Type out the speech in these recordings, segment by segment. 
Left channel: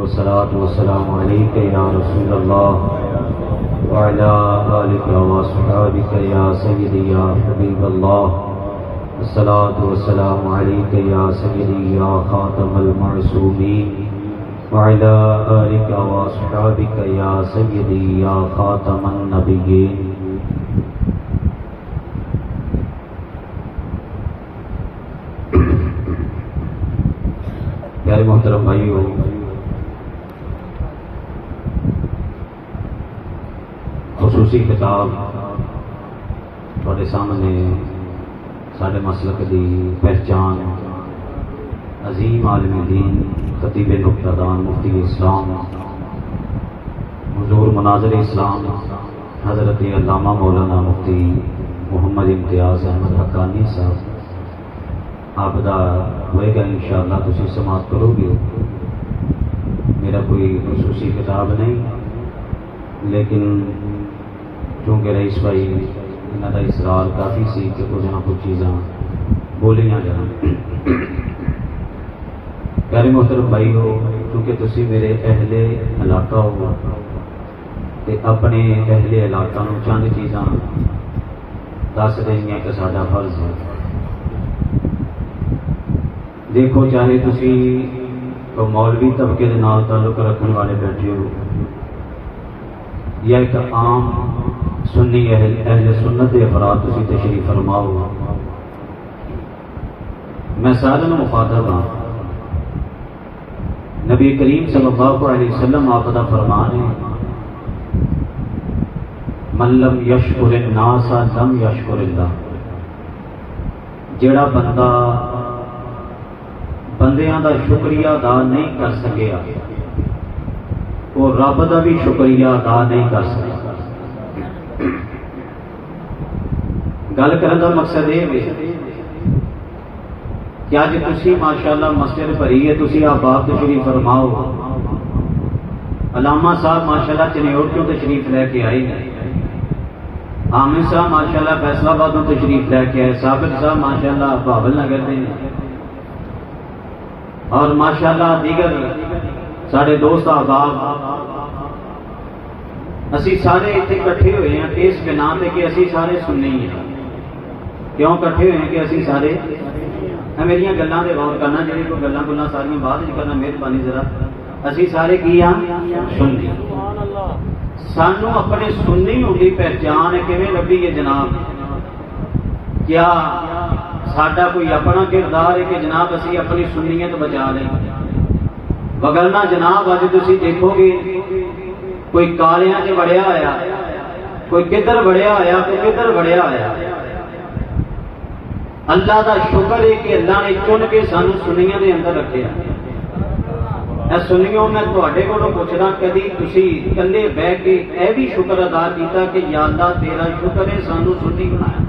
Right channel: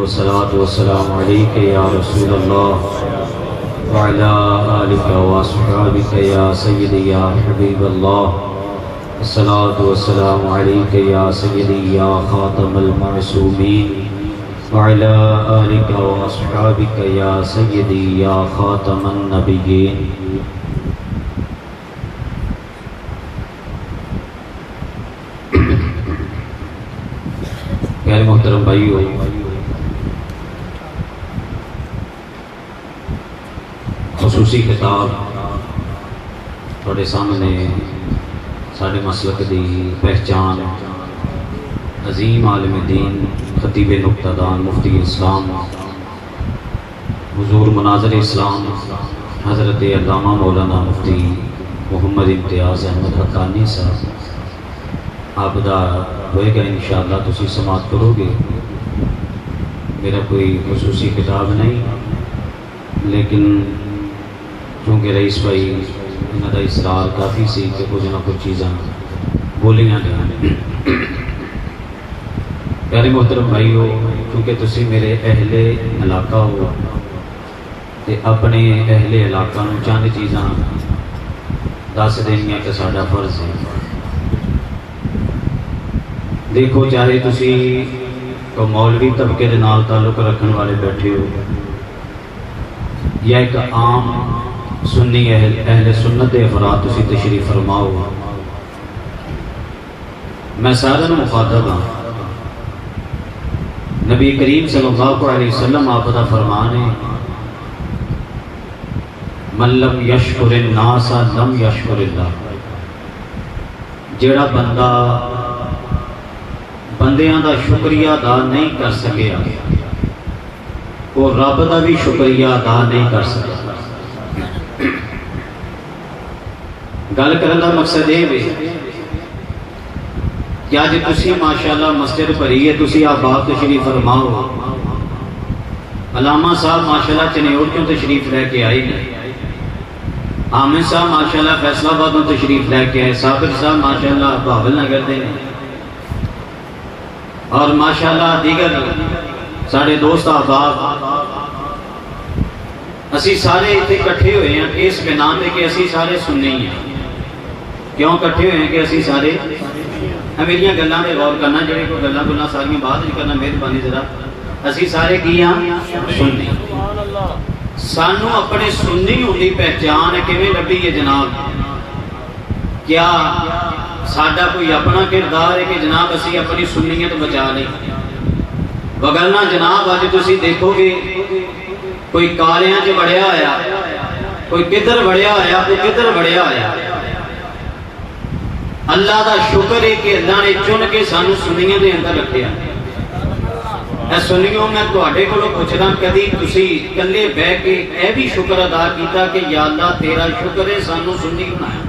والصلاة والسلام عليك يا رسول الله وعلى آلك وأصحابك يا سيدي يا حبيب الله. الصلاة والسلام عليك يا سيدي يا خاتم المعصومين وعلى آلك وأصحابك يا سيدي يا خاتم النبيين. غیر محترم بھائیو، خصوصی خطاب تھوڑے سامنے سارے مسلک دی پہچان عظیم عالم دین خطیب نقطہ دان مفتی اسلام حضور مناظر اسلام حضرت علامہ مولانا مفتی محمد امتیاز احمد حقانی صاحب آپ دا ہوئے گا انشاءاللہ، تسی سماعت کرو گے. میرا کوئی خصوصی خطاب نہیں، لیکن چونکہ رئیس بھائی انہوں کا اصرار کافی سی کہ کچھ نہ کچھ چیزاں بولیاں گئیں. پیارے محترم بھائی ہو، چونکہ تسی میرے اہل علاقہ ہو تے اپنے اہل علاقہ نو چند چیزاں دس دینیاں کہ ساڈا فرض ہے. دیکھو، چاہے تسی تو مولوی طبقے دے نال تعلق رکھنے والے بیٹھے ہو یا ایک عام سنی اہل سنت دے افراد تسی تشریف فرماؤ، میں سارے مخاطب ہاں. نبی کریم صلی اللہ علیہ وسلم آپ کا فرمان ہے، من لم یشکر الناس لم یشکر اللہ. جڑا بندہ بندیاں دا شکریہ ادا نہیں کر سکیا، وہ رب دا بھی شکریہ ادا نہیں کر سکیا. گل کرنے کا مقصد یہ ہے کہ آج تسی ماشاءاللہ مسجد بھری ہے، تسی آباد تشریف فرماؤ. علامہ صاحب ماشاءاللہ چنیور کیوں تشریف لے کے آئے ہیں، عامر صاحب ماشاءاللہ فیصل آباد تشریف لے کے آئے، صابر صاحب ماشاءاللہ بہاول نگر دے اور ماشاءاللہ دیگر سارے دوست احباب. اسی سارے اتنے کٹھے ہوئے ہیں اس بنا پہ کہ اسی سارے سننے ہی ہیں. کیوں کٹھے ہوئے ہیں کہ اسی سارے میری گلاں پہ غور کرنا، جڑے کوئی گلاں گلاں ساری بات نہیں کرنا، مہربانی ذرا. اسی سارے کی ہم سننے. سانو اپنے سنی ہونے پہچان کیویں لبھی ہے جناب؟ کیا ساڈا کوئی اپنا کردار ہے کہ جناب اسی اپنی سنیت بچا لیں؟ وگرنہ جناب اج تسی دیکھو گے کوئی کالیاں چ بڑھیا آیا، کوئی کدھر بڑھیا آیا، کوئی کدھر بڑھیا آیا. اللہ دا شکر ہے کہ اللہ نے چن کے سانو سنیاں دے اندر رکھیا. اے سنیوں میں تواڈے کولوں پوچھدا، کدی تسی کلے بیٹھ کے اے بھی شکر ادا کیتا کہ یا اللہ تیرا شکر ہے سانو سنی بنایا؟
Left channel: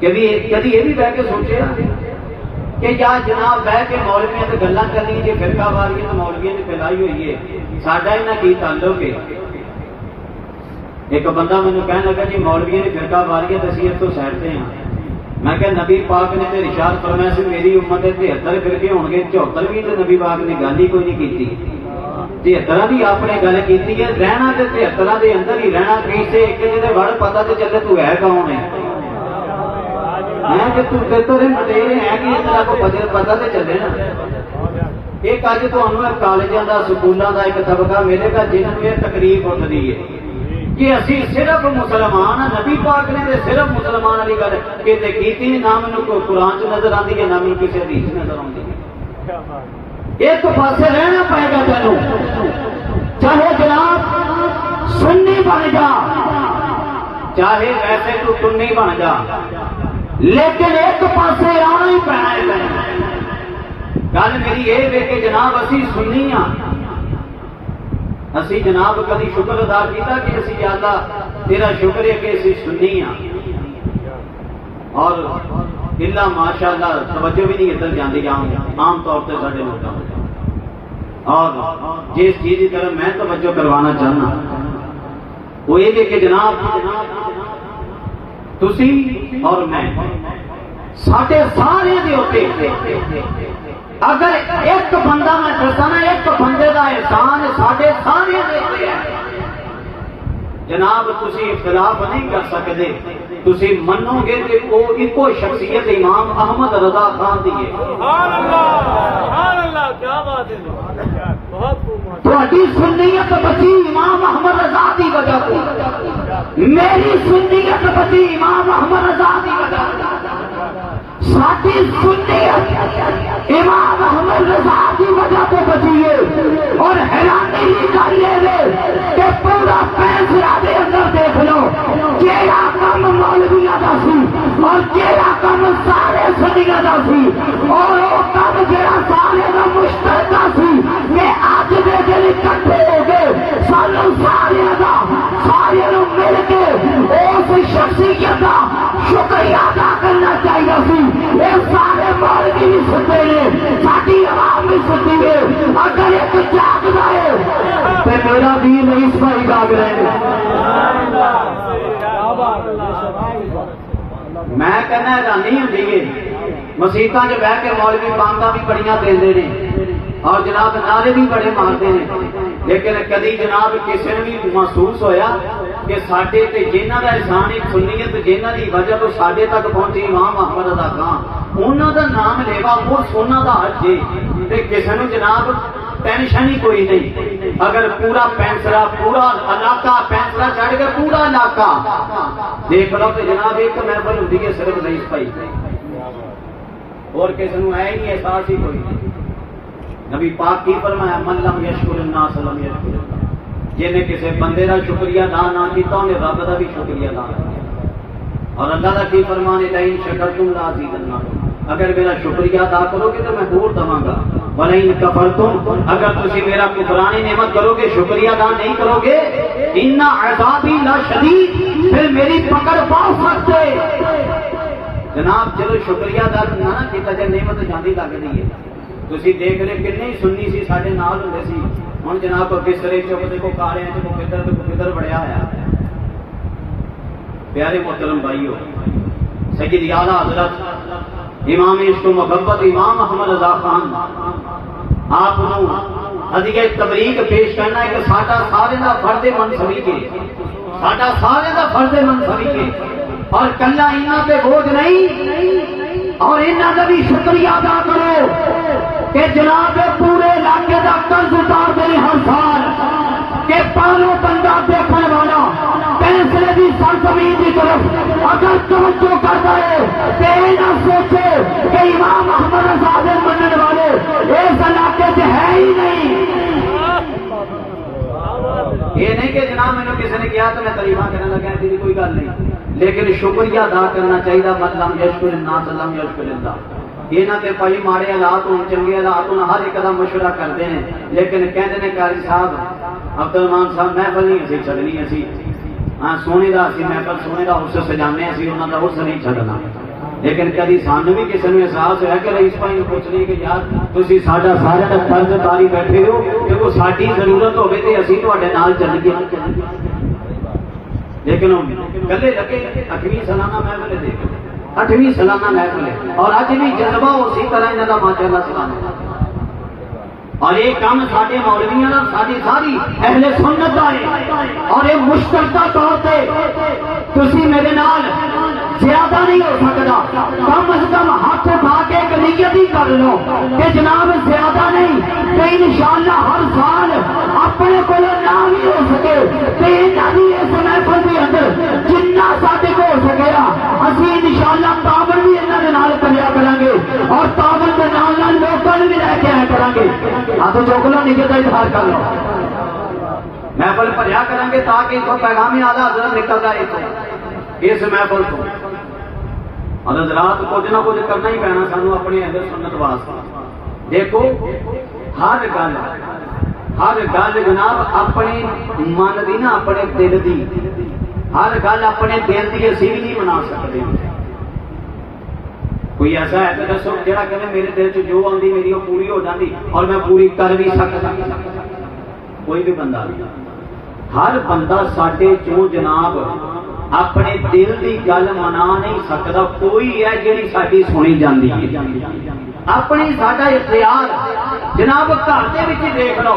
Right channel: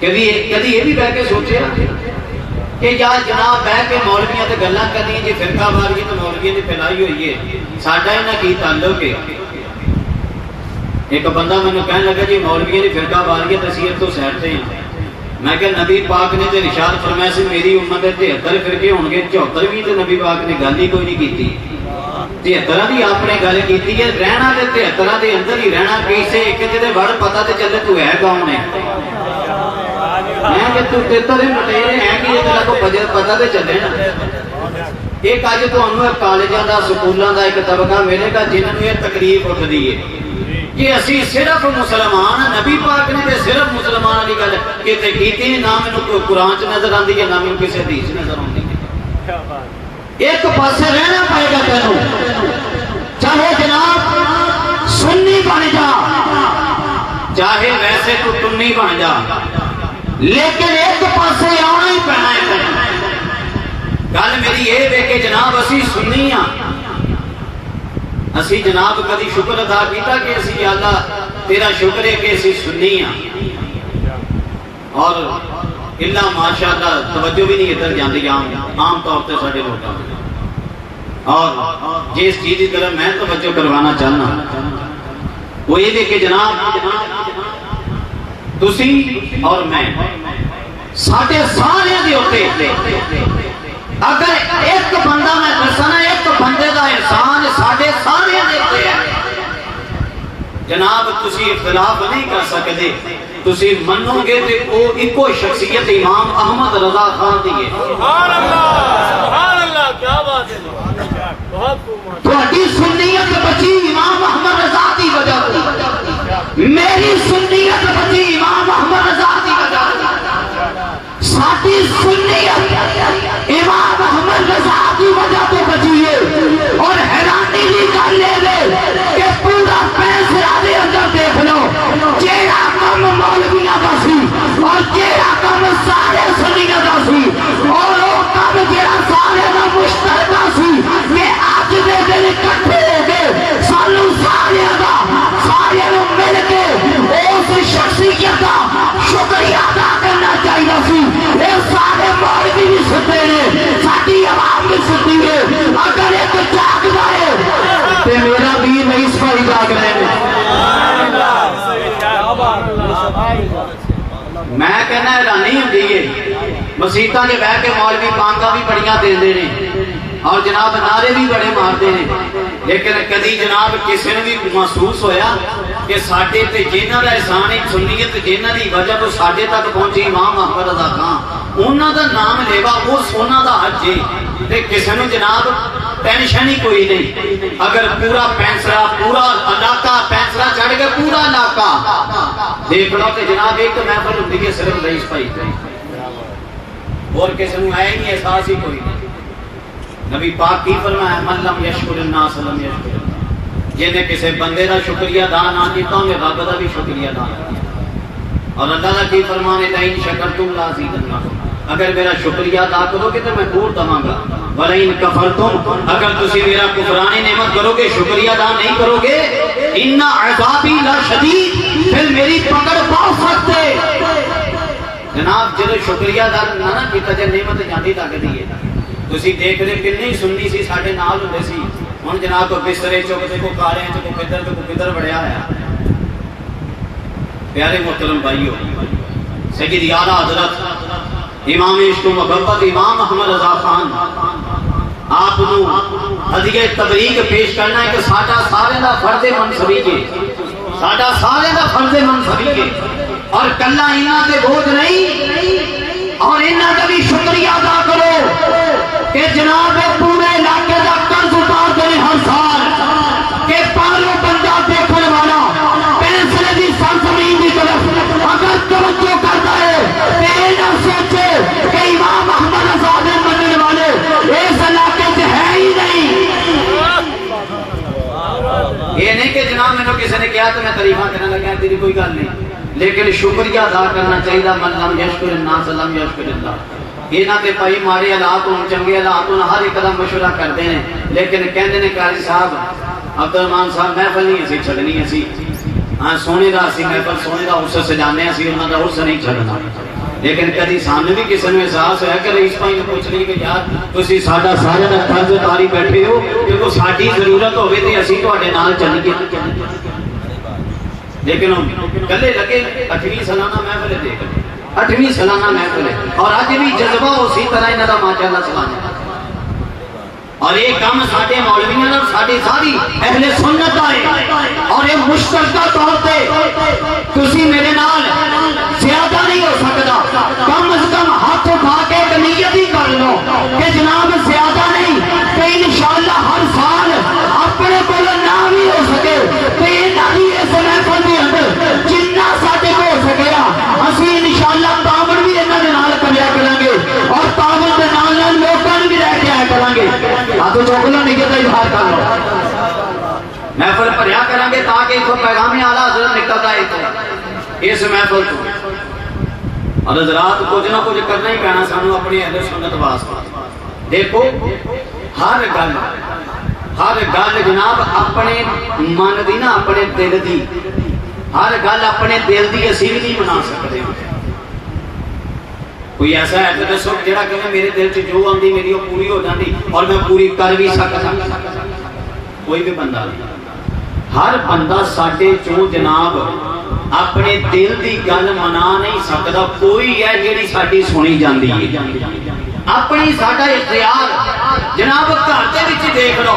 کبھی یہ بھی بیٹھ کے سوچیا کہ یا جناب بیٹھ کے مولویاں تے گلاں کرنی جے فرقہ واریت تے مولویاں نے پھیلائی ہوئی ہے، ساڈا انہاں کی تعلق ہے؟ ایک بندہ مینوں کہنے لگا جی مولویاں نے فرقہ واریت اسی تو سائڈ تے ہیں. میں کہ نبی پاک نے تے ارشاد فرمایا سی میری امت دے 73 فرقے ہون گے، 74 بھی تے نبی پاک نے گل ہی کوئی نہیں کیتی. 73 دی آپ نے گل کیتی ہے، رہنا تے 73 دے اندر ہی رہنا. کسے ایک دے وڑ پتہ تے چلے تو ہے کون ہے. میں تو تیرے مٹیرے ہیں کہ تیرا کو پتہ تے چلے نا. ایک اج تانوں کالجاں دا سکولاں دا ایک طبقہ ملے گا جنہاں نوں یہ تکلیف اٹھدی ہے کہ اسی صرف مسلمان ہیں. نبی پاک نے تے صرف مسلمان والی گل کیتے کیتی، نہ مینوں کوئی قرآن چ نظر آندی ہے، نہ مینوں کسی حدیث نظر آندی ہے. ایک پاسے رہنا پائے گا تینوں، چاہے جناب سنی بن جا، چاہے ویسے تو سنی بن جا، لیکن ایک پاسے آنا ہی پینا ہے. گل میری یہ ہے کہ جناب اسی سنی ہاں. اسی جناب کدی شکر ادا کیتا کہ اسی یا اللہ تیرا شکر ہے کہ اسی سنی ہاں؟ اور اللہ ماشاءاللہ توجہ بھی نہیں ادھر جاندی عام طور تے ساڈے لوکاں. اور جس چیز کی طرف میں توجہ کروانا چاہنا وہ یہ کہ جناب تسی اور میں ساڈے سارے دے اوتے اگر ایک جناب تسی اختلاف نہیں کر سکتے، تسی منو گے تے او ایکو شخصیت امام احمد رضا خان دی ہے۔ سبحان اللہ، کیا بات ہے، بہت خوب۔ تہاڈی سنیت بچی امام احمد رضا دی وجہ تو، میری سنیت بچی امام احمد رضا دی وجہ تو، ساڈی سنیت امام احمد رضا دی وجہ تو بچی ہے۔ اور حیرانی دی گل ہے کہ پورا فیصلہ دے اندر دیکھ لو، جیڑا کم مولویاں دا سی اور جیڑا کم سارے سنیاں دا سی، اور وہ کم جیڑا سارے دا مشترکہ سی کہ اج دے دن اکٹھے ہو گئے سانو سارے دا سارے نوں مل کے اس شخصیت دا شکریہ ادا کرنا چاہیے سی۔ یہ سارے مولوی بھی سنتے ہیں، ساری عوام بھی سنتی ہے، اگر ایک جاگ جائے تو میرا ویر رئیس بھائی جاگ رہے ہیں۔ میں کہنا حیرانی ہوتی ہے، مسیتاں دے بیٹھ کے مولوی بانگاں بھی بڑیاں دیندے نے اور جناب نعرے بھی بڑے مارتے ہیں، لیکن کدی جناب کسی نے بھی محسوس ہویا کہ ساڈے تے جنہاں دا احسان ہے سنیت جنہاں دی وجہ تو ساڈے تک پہنچی امام احمد رضا خان، انہاں دا نام لیوا وہ سونا دا حج ہے تے کسی نے جناب ٹینشن ہی کوئی نہیں۔ اگر پورا پینسرا پورا علاقہ پینسرا چڑھ کے پورا علاقہ دیکھ لو کہ جناب ایک محفل ہوتی ہے صرف رئیس بھائی اور کسی نے ہے نہیں احساس ہی کوئی نہیں۔ نبی پاک کی فرمایا من لم یشکر الناس لم یشکر اللہ، جنہیں کسی بندے دا شکریہ ادا نہ کیتا میں رب دا بھی شکریہ ادا کیا۔ اور اللہ کی فرمانے لئن شکرتم لازیدنکم، اگر میرا شکریہ ادا کرو گے تو میں اور دواں گا، وَلَئِن كَفَرْتُمْ، اگر تسی میرا کفرانی نعمت کرو گے شکریہ ادا نہیں کرو گے، اِنَّ عَذَابِي لَشَدِيدٌ، پھر میری پکڑ بہت سخت ہے۔ جناب جدو شکریہ ادا نہ کیتا جائے نعمت جاندی لگدی ہے۔ تسی دیکھ رہے کتنی سنی سی ساڈے نال ہوندے سی، ہن جناب کو بسترے چوکتے کو کارے کو کدھر بڑھیا ہے۔ پیارے محترم بھائیو، سید اعلیٰ حضرت امام عشق و محبت امام احمد رضا خان آپ کو ہدیہ تبریک پیش کرنا ہے کہ ساڈا سارے دا فرض منصبی ہے، ساڈا سارے دا فرض منصبی ہے، اور کلا انہاں تے بوجھ نہیں، اور انہاں دا بھی شکریہ ادا کرو کہ جناب پورے علاقے دا قرض اتار دے ہر سال کہ پہلو بندہ دیکھنے والا پینسلے دی سرزمین دی طرف اگر توجہ کرتا ہے تے نہ سوچے کہ امام احمد رضا دے منن والے اس علاقے سے ہے ہی نہیں۔ یہ نہیں کہ جناب میں نے کسی نے کیا تو میں تعریفاں کرنے لگا، تیری کوئی گل نہیں، لیکن شکریہ ادا کرنا چاہیے۔ من لم یشکر الناس لم یشکر اللہ، یہ نہ تے پائی مارے حالات ہوں چنگے حالات ہوں ہر ایک قدم مشورہ کرتے ہیں، لیکن کہتے ہیں قاری صاحب عبدالرحمان صاحب محفل نہیں اسی چھڑنی اسی، ہاں سونے دا اسی محفل سونے دا اس سے جانے اسی انہوں دا اس نہیں چھڑنا، لیکن کدی سامنے بھی کسی نے احساس ہے کہ رئیس بھائی نے پوچھ لی کہ یار تسی ساڈا سارے دا قرض اتاری بیٹھے ہو کہ وہ ساڈی ضرورت ہوے تے اسی تواڈے نال چلیے، لیکن کلے لگے 8ویں سالانہ محفل دیکھ 8ویں سالانہ محفل ہے اور اج بھی جذبہ اسی طرح انہاں دا ماشاءاللہ سلام، اور یہ کام ساڈے مولویاں اور ساڈی ساری اہل سنت دا ہے، اور یہ مشترکہ طور پہ تسی میرے نال زیادہ نہیں ہو سکتا، کم از کم ہاتھ اٹھا کے ایک نیت ہی کر لو کہ جناب زیادہ نہیں کہ انشاءاللہ ہر سال اپنے کو نام ہی ہو سکے کہ انہاں دی اس محفل دے اندر جنہ ساڈے کو ہو سکے گا اسی انشاءاللہ تعاون بھی انہاں دے نال کریا کریں گے، اور تعاون دے نال نال لوکاں نوں بھی لے کے آیا کریں گے۔ تو چوکلوں نیت کا اظہار کر لو، محفل بھریا کریں گے تاکہ اس کو پیغام اعلیٰ حضرت نکلتا ہے اس محفل کو، اور حضرات کچھ نہ کچھ کرنا ہی پینا سانو اپنی اہل سنت واسطے۔ دیکھو ہر گل جناب اپنے من دی نا اپنے دل دی، ہر گل اپنے دل دی اسی بھی نہیں بنا سکتے۔ کوئی ایسا ہے تو دسو جڑا کہ میرے دل سے جو آندی میری وہ پوری ہو جاندی اور میں پوری کر بھی سکتا، کوئی بھی بندہ نہیں۔ ہر بندہ ساڈے چوں جناب اپنے دل دی گل منا نہیں سکتا، کوئی ہے جیڑی ساڈی سنی جاندی ہے، اپنی ساڈا اختیار جناب گھر دے وچ دیکھ لو،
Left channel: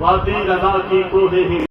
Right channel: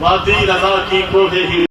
وادی رضا کی کوہ